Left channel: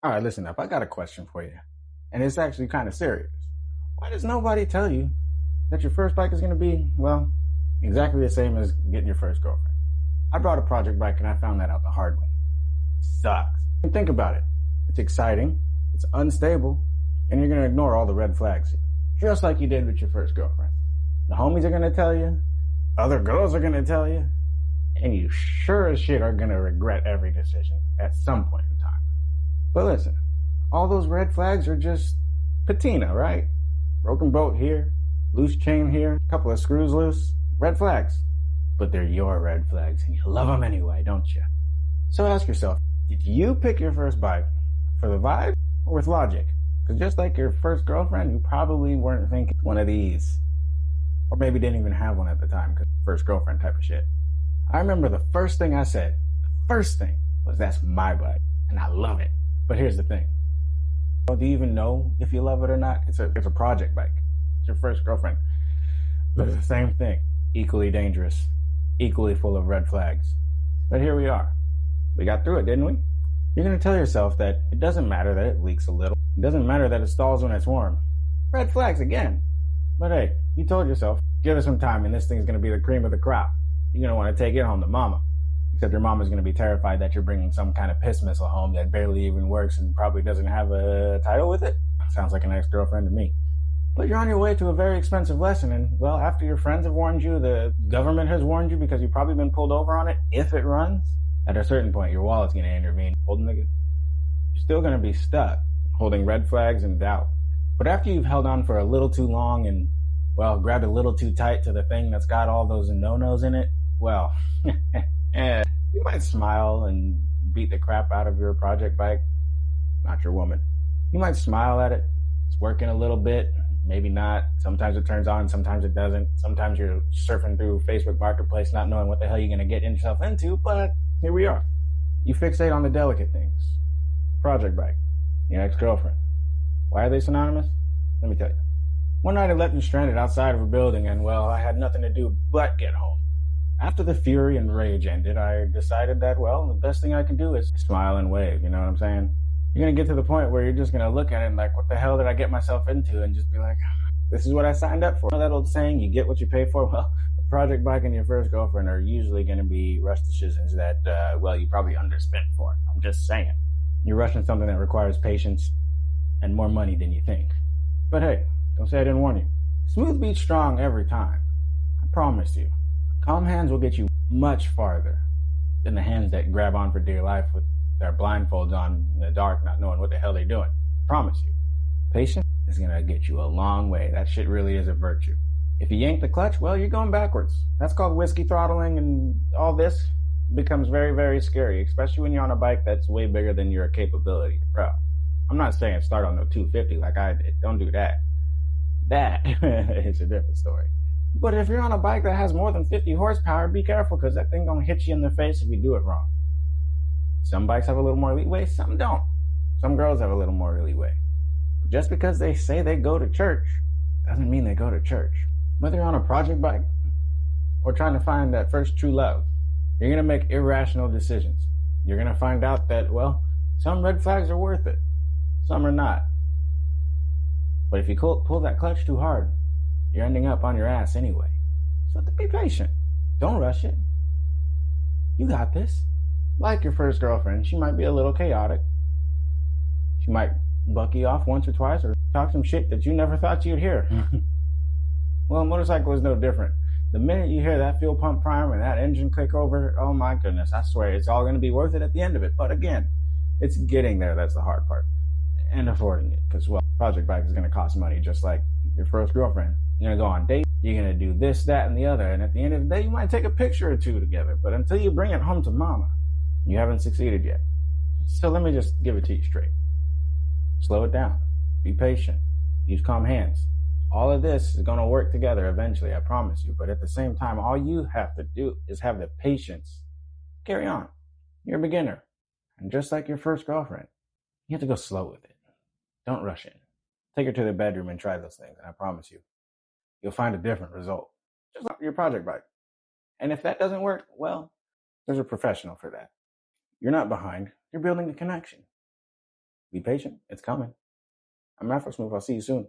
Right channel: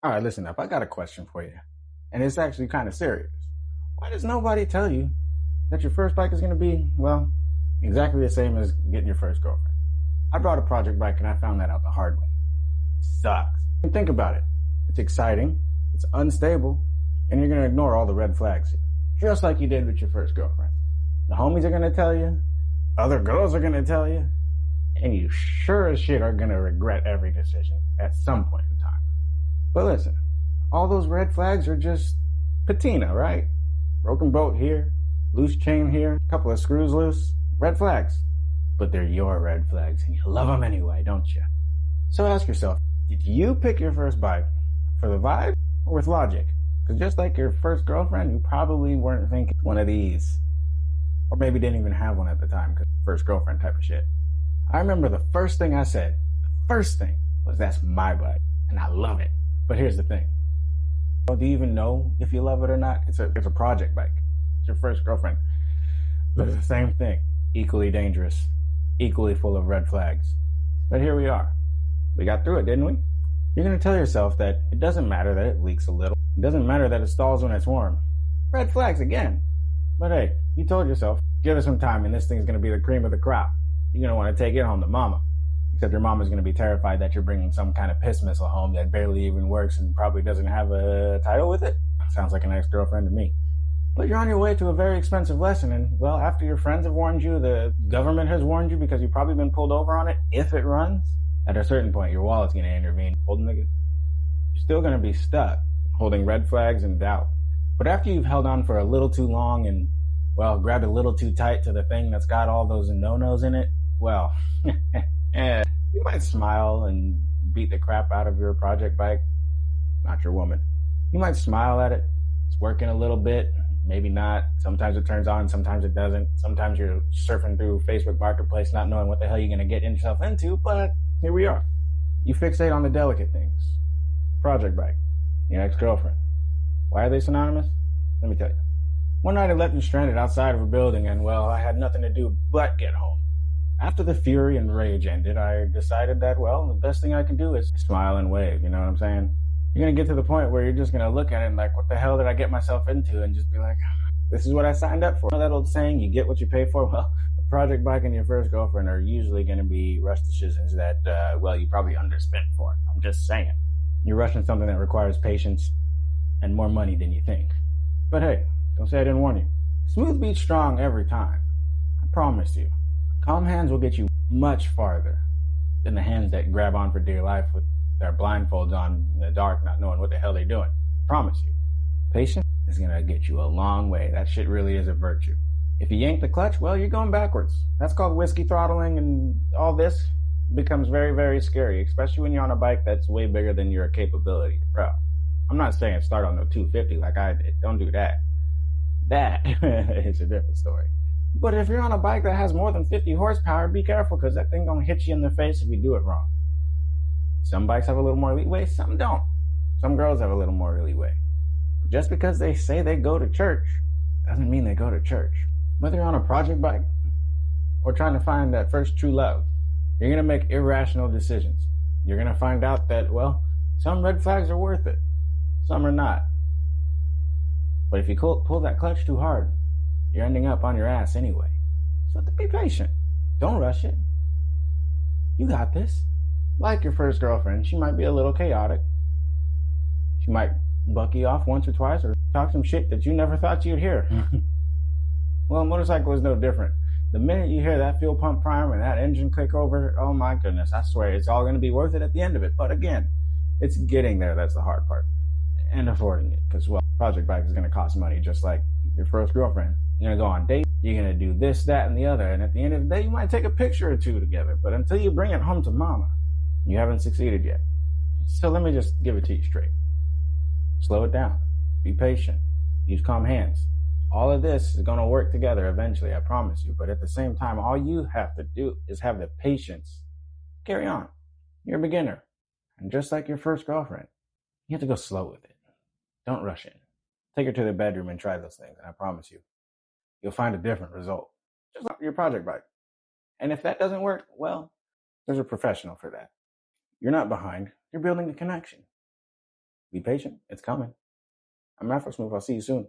All right, listen up. I got a question for you. And it's actually kind of serious. Why does nobody tell you that your first bike is going to be, well, exactly the same as getting your first girlfriend? I brought a project bike and I found that out the hard way. It sucks. And think about it. It's exciting, it's unstable, and you're going to ignore all the red flags, just like you did with your first girlfriend. The homies are going to tell you, other girls are going to tell you, and you sure as shit are going to regret every decision at some point in time. But listen, all those red flags are just patina, right? Broken bolt here, loose chain here, a couple of screws loose. Red flags. But they're your red flags, and you love them anyway, don't you? So ask yourself, did you pick your first bike for the vibe or with logic? Because just like your first girlfriend, you probably weren't thinking one of these. Or maybe didn't even have one at the time, because first girlfriend type of shit. I remember the first thing I said, was that's my bike, and I love it. But here's the thing. Well, do you even know if you love it or not? It's a project bike. It's your first girlfriend. But it's the same thing. Equally dangerous. Equally full of red flags. But here we are. We got through it, didn't we? You're going to tell yourself that it doesn't matter that it leaks a little. It doesn't matter that it stalls when it's warm. Red flags again. But hey, you told yourself, give it some time and this thing's going to be the cream of the crop. You're going to want to take it home to mama. Except your mama's going to be terrified that you're bringing some kind of piss missile home that barely even works and probably doesn't have a title with it. Sounds like an ex-girlfriend to me. But you're on your way to a very expensive lesson, and well, after your friends have warned you, the government has warned you because you've probably been pulled over on it, if it runs, at a certain point your wallet's going to intervene. You're still going to be stuck holding red flags and doubt. But after you've held on for a little too long and, well, grabbed a little too tight to the thing that's got all those no-nos in it, well, you might smile and beat the crap out of your project bike. Not your woman. You might smile at it. It's working a little bit. Maybe not. Sometimes it turns on. Sometimes it doesn't. Sometimes you're surfing through Facebook Marketplace not knowing what the hell you're going to get yourself into. But here we are. You fixate on the delicate things. Project bike. Your ex-girlfriend. Why are they synonymous? Let me tell you. One night I left you stranded outside of a building and, well, I had nothing to do but get home. After the fury and rage ended, I decided that, well, the best thing I can do is smile and wave, you know what I'm saying? You're going to get to the point where you're just going to look at it and like, what the hell did I get myself into? And just be like, this is what I signed up for. You know that old saying, you get what you pay for? Well, a project bike and your first girlfriend are usually going to be rush decisions that, well, you probably underspent for. I'm just saying. You're rushing something that requires patience and more money than you think. But hey, don't say I didn't warn you. Smooth beats strong every time. I promise you. Calm hands will get you much farther than the hands that grab on for dear life with their blindfolds on in the dark, not knowing what the hell they're doing. I promise you. Patience is going to get you a long way. That shit really is a virtue. If you yank the clutch, well, you're going backwards. That's called whiskey throttling, and all this becomes very, very scary, especially when you're on a bike that's way bigger than your capability. Bro, I'm not saying start on the 250 like I did. Don't do that. That is a different story. But if you're on a bike that has more than 50 horsepower, be careful because that thing gonna hit you in the face if you do it wrong. Some bikes have a little more leeway, some don't. Some girls have a little more leeway. But just because they say they go to church doesn't mean they go to church. Whether you're on a project bike or trying to find that first true love, you're gonna make irrational decisions. You're gonna find out that, well, some red flags are worth it. Some are not. But if you pull that clutch too hard, you're ending up on your ass anyway. So be patient. Don't rush it. You got this. Like your first girlfriend, she might be a little chaotic. She might buck you off once or twice or talk some shit that you never thought you'd hear. Well, a motorcycle is no different. The minute you hear that fuel pump prime and that engine click over, oh my goodness, I swear it's all going to be worth it at the end of it. But again, it's getting there that's the hard part. And affording it. Because, well, project bike is going to cost money just like your first girlfriend. You're going to go on dates. You're going to do this, that, and the other. And at the end of the day, you might take a picture or two together. But until you bring it home to mama, you haven't succeeded yet. So let me just give it to you straight. Slow it down. Be patient. Use calm hands. All of this is going to work together eventually, I promise you. But at the same time, all you have to do is have the patience. Carry on. You're a beginner. And just like your first girlfriend, you have to go slow with it. Don't rush in. Take her to the bedroom and try those things. And I promise you, you'll find a different result. Just like your project bike. And if that doesn't work, well, there's a professional for that. You're not behind. You're building a connection. Be patient. It's coming. I'm Afro Smooth. I'll see you soon.